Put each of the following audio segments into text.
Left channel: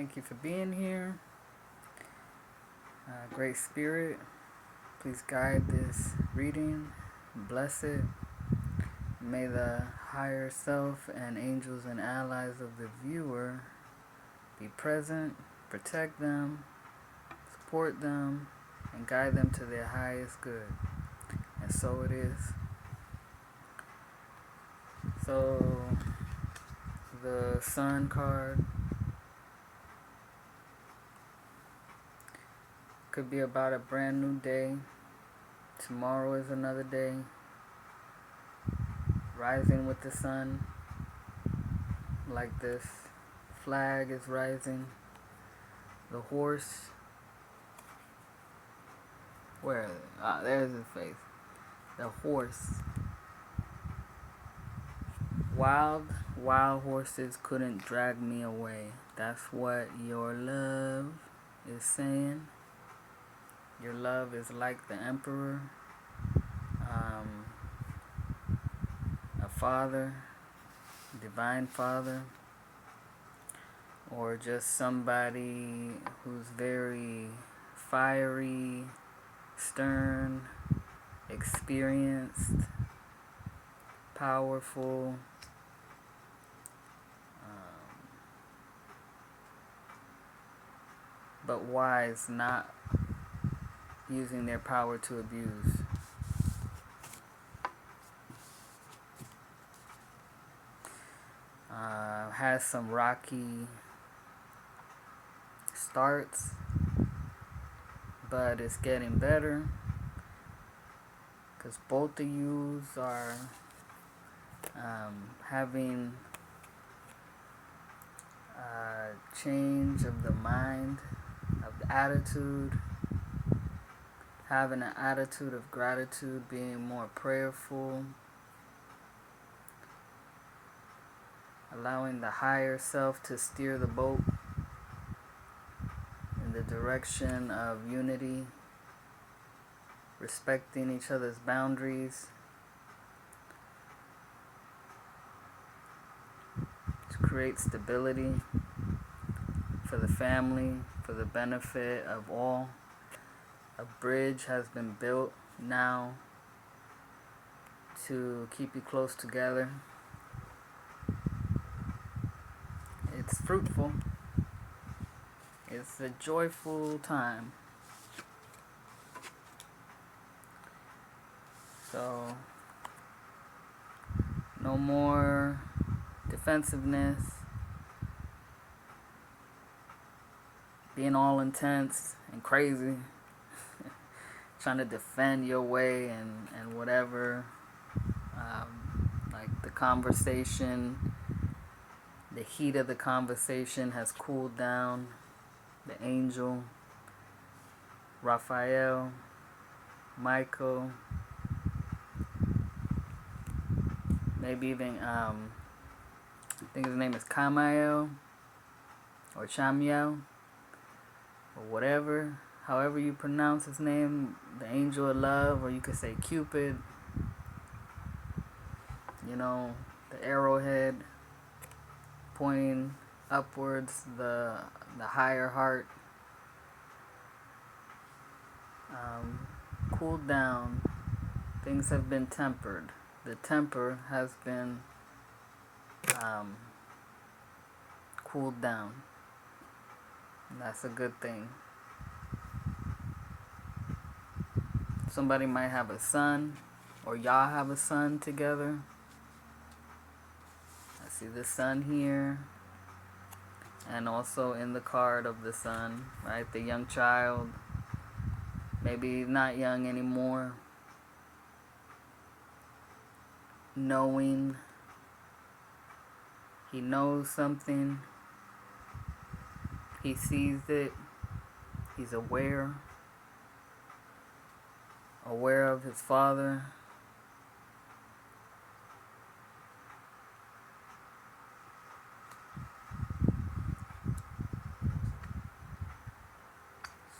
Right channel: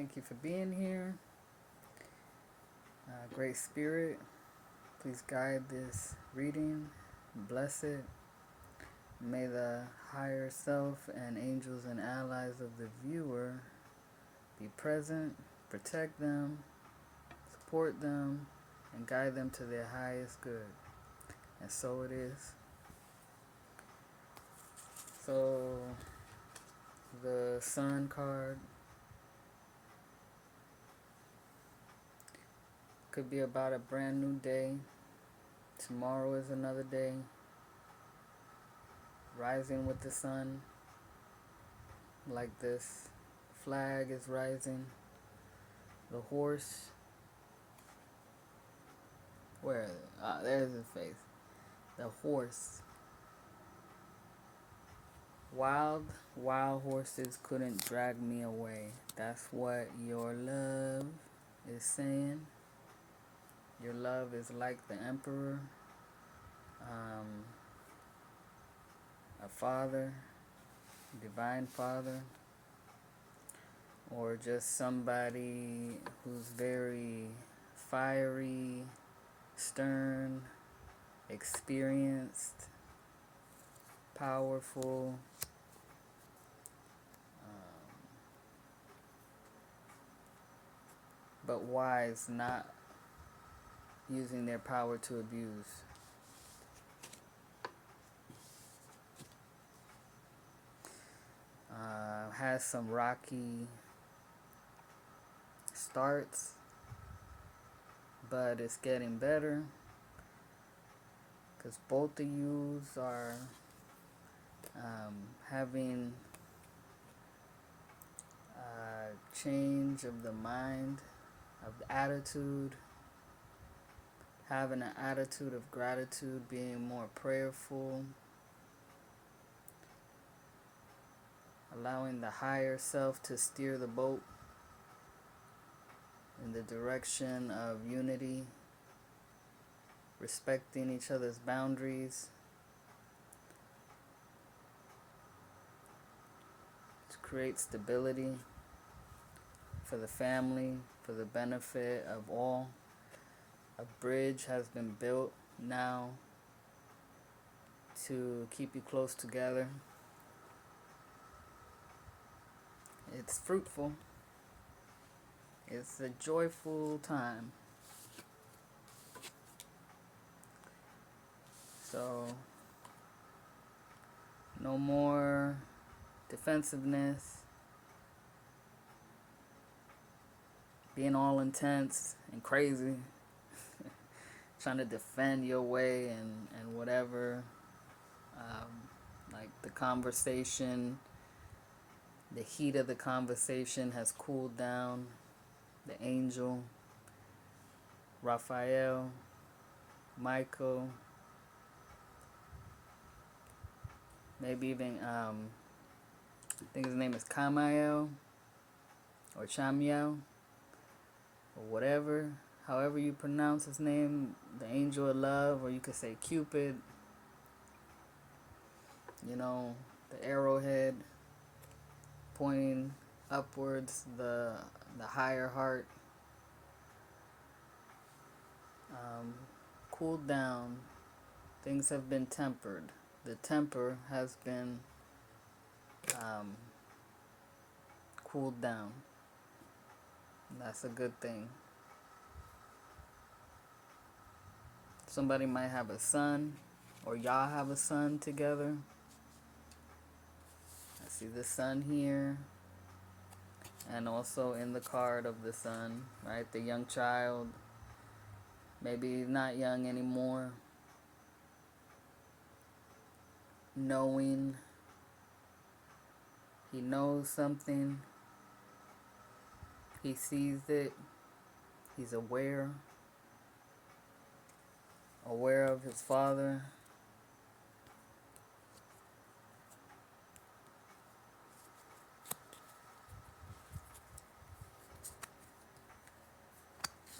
Thank you for being here. Great Spirit, please guide this reading. Bless it. May the higher self and angels and allies of the viewer be present, protect them, support them, and guide them to their highest good. And so it is. So, the Sun card could be about a brand new day. Tomorrow is another day. Rising with the sun, like this flag is rising. The horse, where? There's his face. The horse. Wild horses couldn't drag me away. That's what your love is saying. Your love is like the emperor, a father, divine father, or just somebody who's very fiery, stern, experienced, powerful, but wise, not using their power to abuse. Has some rocky starts, but it's getting better because both of you are having a change of the mind, of the attitude, having an attitude of gratitude, being more prayerful, allowing the higher self to steer the boat in the direction of unity, respecting each other's boundaries, to create stability for the family, for the benefit of all. A bridge has been built now to keep you close together. It's fruitful. It's a joyful time. So, no more defensiveness, being all intense and crazy, trying to defend your way and whatever. Like the conversation, the heat of the conversation has cooled down. The angel, Raphael, Michael, maybe even I think his name is Kamiel or Chamiel or whatever, however you pronounce his name, the angel of love, or you could say Cupid, you know, the arrowhead pointing upwards, the higher heart, cooled down. Things have been tempered. The temper has been cooled down. And that's a good thing. Somebody might have a son, or y'all have a son together. I see the sun here, and also in the card of the sun, right? The young child, maybe not young anymore, knowing, he knows something, he sees it, he's aware of his father.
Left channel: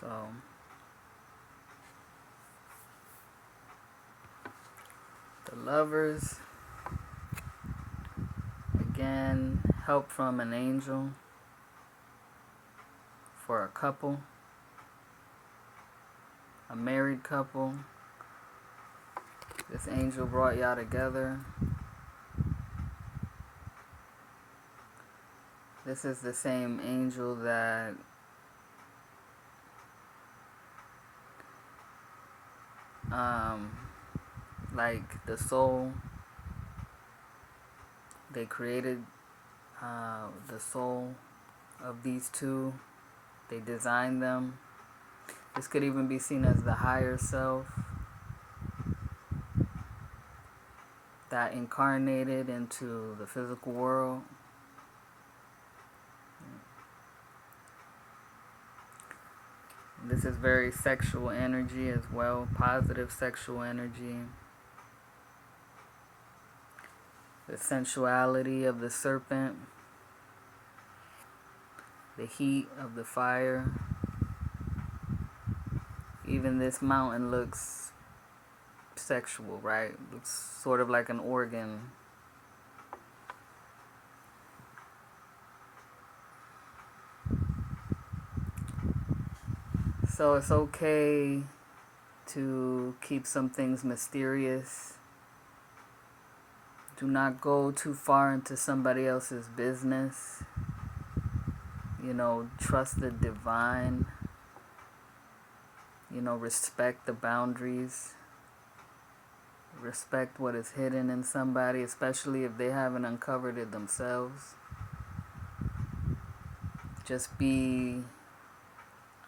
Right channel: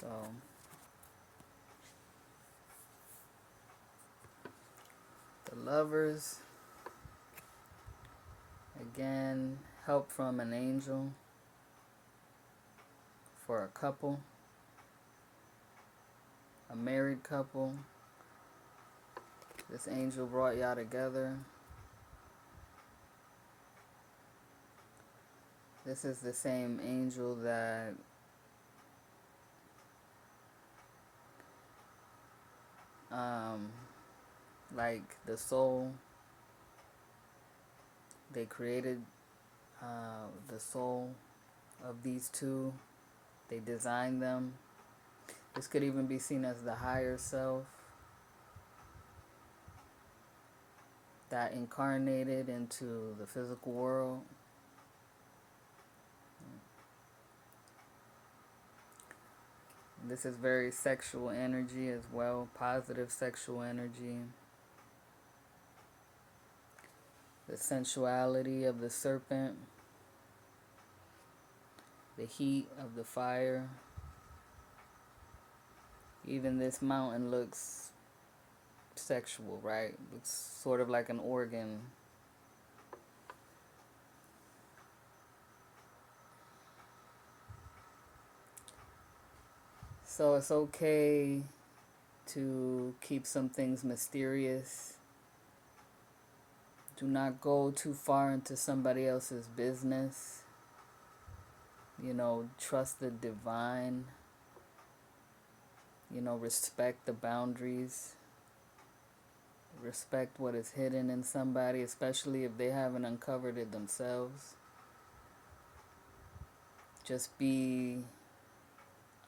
So the lovers, again, help from an angel. for a couple, a married couple. This angel brought y'all together. This is the same angel that like the soul, they created the soul of these two. They designed them. This could even be seen as the higher self that incarnated into the physical world. This is very sexual energy as well, positive sexual energy. The sensuality of the serpent, the heat of the fire. Even this mountain looks sexual, right? Looks sort of like an organ. So it's okay to keep some things mysterious. Do not go too far into somebody else's business. You know, trust the divine. You know, respect the boundaries. Respect what is hidden in somebody, especially if they haven't uncovered it themselves. Just be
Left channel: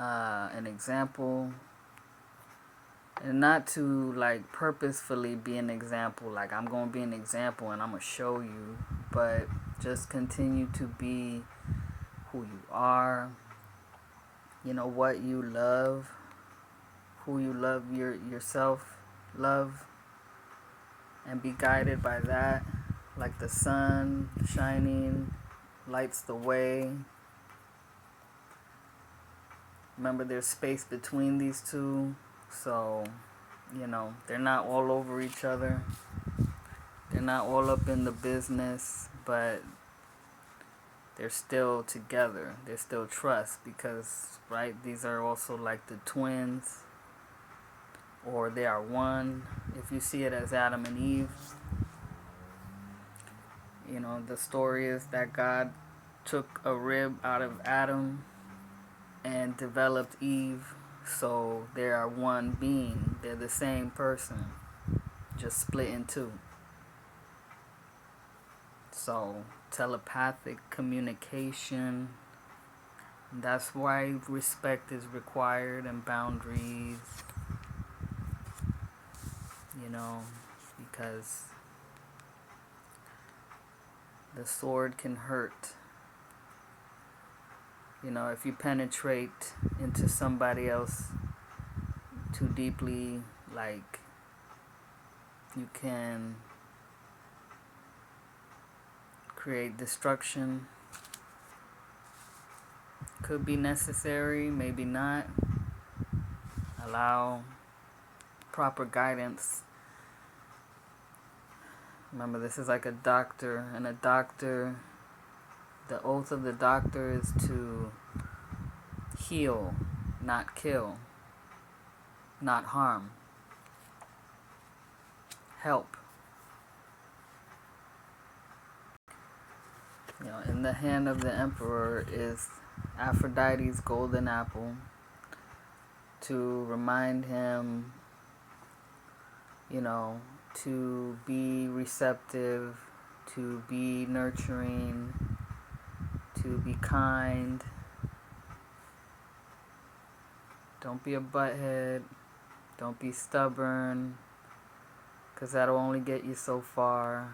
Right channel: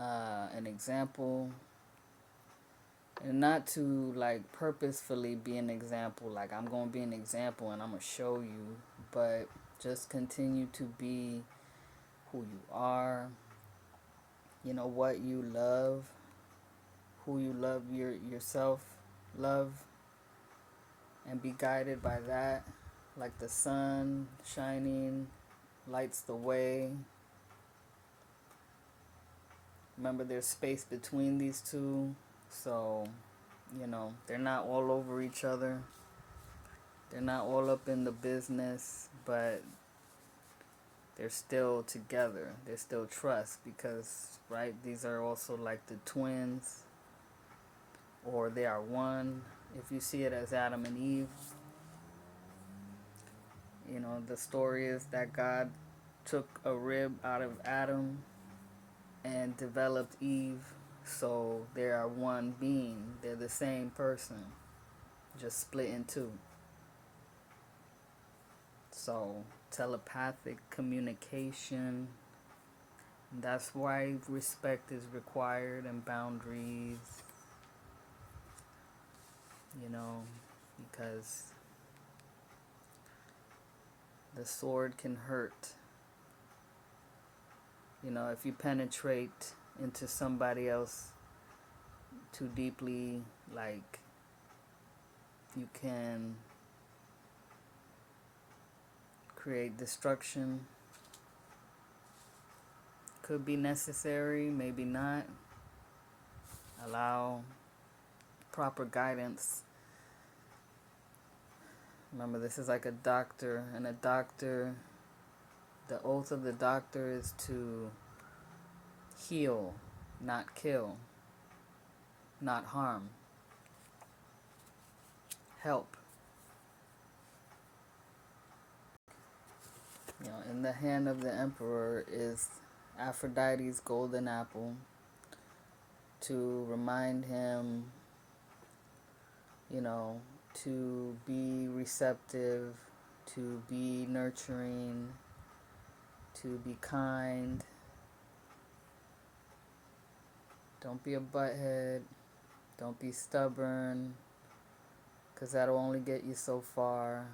an example, and not to like purposefully be an example, like I'm gonna be an example and I'm gonna show you, but just continue to be who you are. You know what you love, who you love, yourself love, and be guided by that. Like the sun shining lights the way. Remember, there's space between these two, so, you know, they're not all over each other. They're not all up in the business, but they're still together. They're still trust because, right, these are also like the twins, or they are one. If you see it as Adam and Eve, you know, the story is that God took a rib out of Adam and developed Eve, so they are one being. They're the same person, just split in two. So telepathic communication, that's why respect is required and boundaries, you know, because the sword can hurt. You know, if you penetrate into somebody else too deeply, like, you can create destruction. Could be necessary, maybe not. Allow proper guidance. Remember, this is like a doctor, and a doctor, the oath of the doctor is to heal, not kill, not harm, help. You know, in the hand of the emperor is Aphrodite's golden apple to remind him, you know, to be receptive, to be nurturing, to be kind. Don't be a butthead. Don't be stubborn, because that'll only get you so far.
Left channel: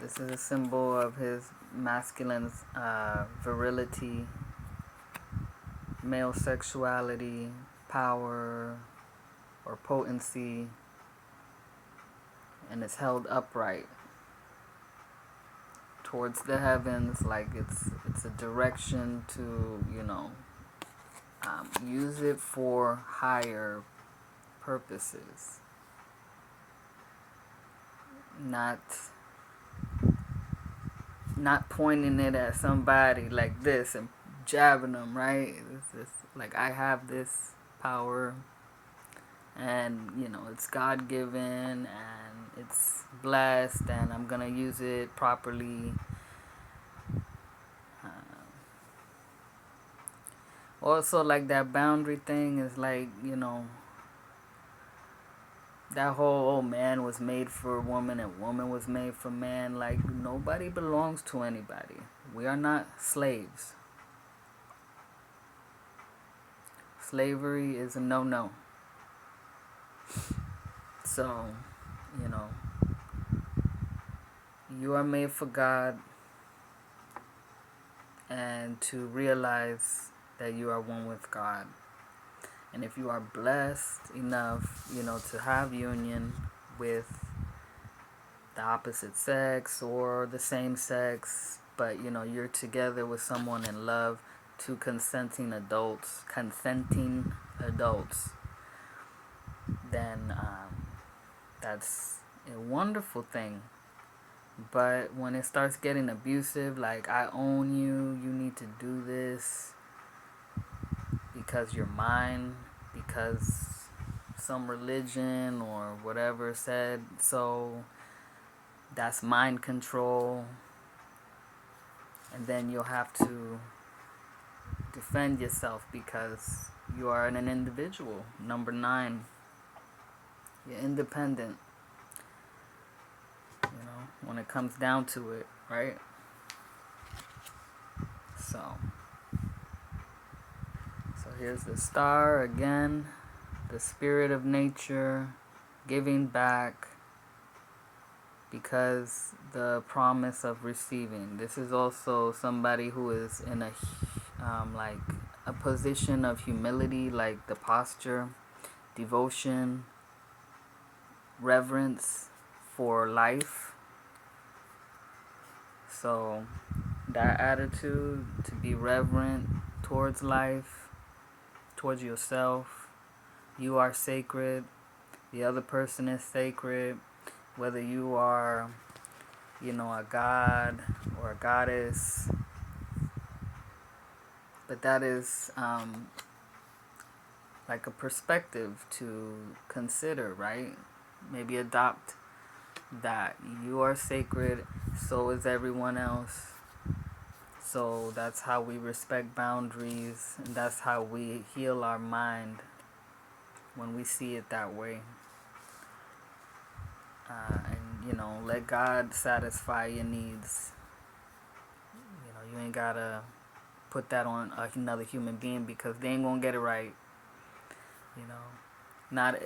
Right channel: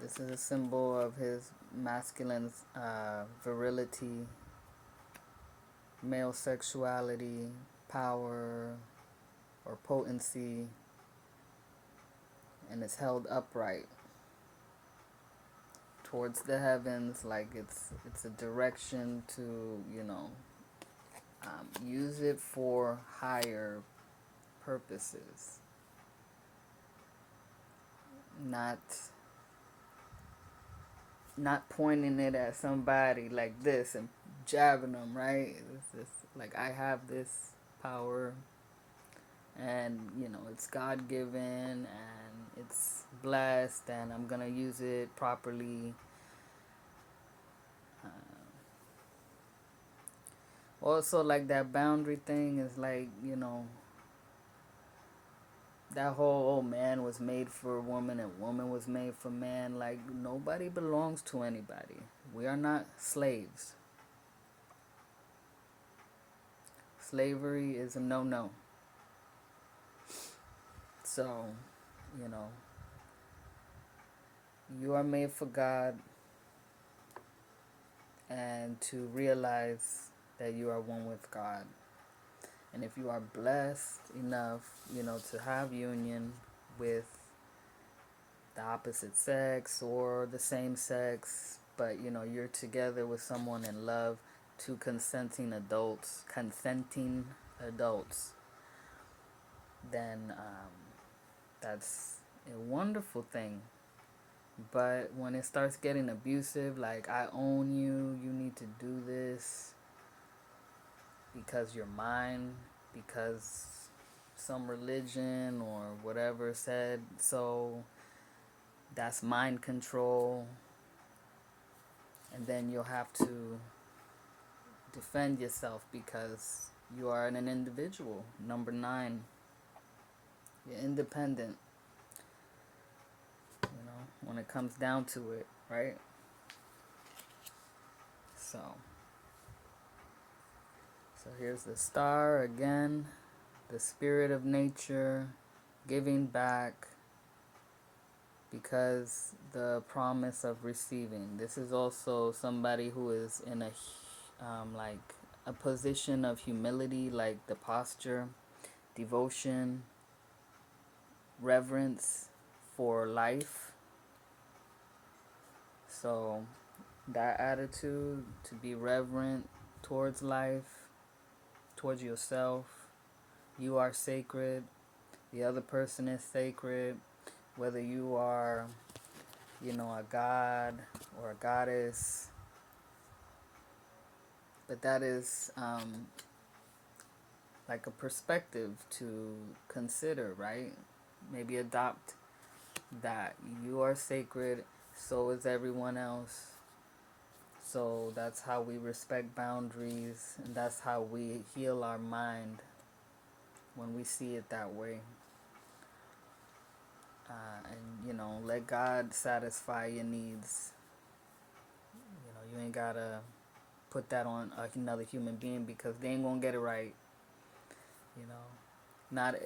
This is a symbol of his masculine virility, male sexuality, power, or potency, and it's held upright towards the heavens, like it's a direction to, you know, use it for higher purposes, not pointing it at somebody like this and jabbing them, right? It's just like, I have this power, and it's God given, and it's blessed, and I'm gonna use it properly. Also, like, that boundary thing is like, that whole, oh, man was made for woman and woman was made for man. Like, nobody belongs to anybody. We are not slaves. Slavery is a no-no. So, you are made for God, and to realize that you are one with God. And if you are blessed enough, to have union with the opposite sex or the same sex, but you're together with someone in love, two consenting adults, then that's a wonderful thing. But when it starts getting abusive, like, I own you, you need to do this because you're mine, because some religion or whatever said so, that's mind control. And then you'll have to defend yourself because you are an individual. Number 9, you're independent, when it comes down to it, right? So here's the star again, the spirit of nature, giving back, because the promise of receiving. This is also somebody who is in a position of humility, like the posture, devotion, reverence for life. So that attitude, to be reverent towards life, towards yourself. You are sacred. The other person is sacred. Whether you are, a god or a goddess. But that is like a perspective to consider, right? Maybe adopt that. You are sacred, so is everyone else. So that's how we respect boundaries, and that's how we heal our mind when we see it that way. And let God satisfy your needs. You ain't gotta put that on another human being, because they ain't gonna get it right. Not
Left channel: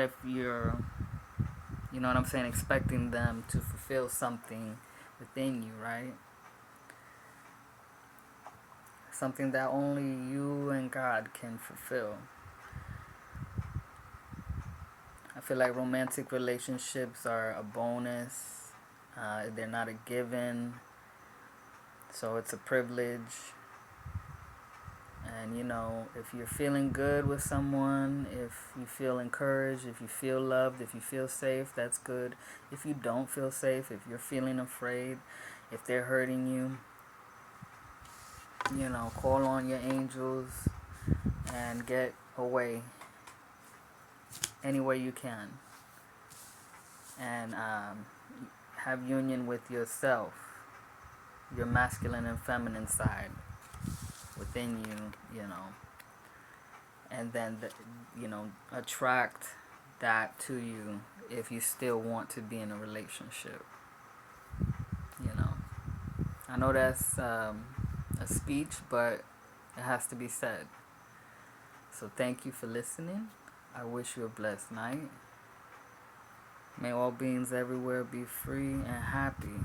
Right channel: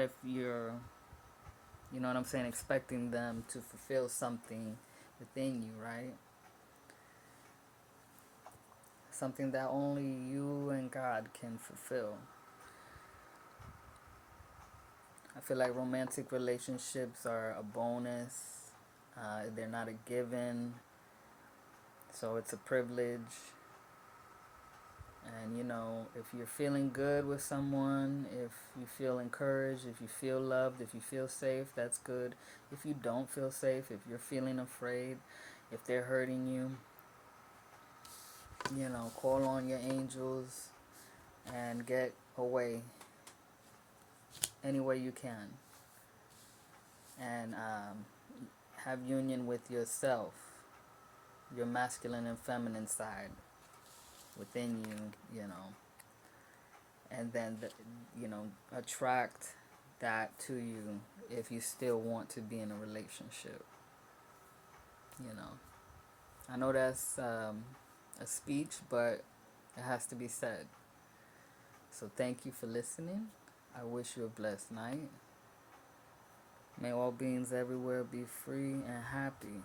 if you're, what I'm saying, expecting them to fulfill something within you, right? Something that only you and God can fulfill. I feel like romantic relationships are a bonus. They're not a given. So it's a privilege. And if you're feeling good with someone, if you feel encouraged, if you feel loved, if you feel safe, that's good. If you don't feel safe, if you're feeling afraid, if they're hurting you, call on your angels and get away any way you can. And have union with yourself, your masculine and feminine side within you, and then attract that to you if you still want to be in a relationship. I know that's a speech, but it has to be said. So thank you for listening. I wish you a blessed night. May all beings everywhere be free and happy.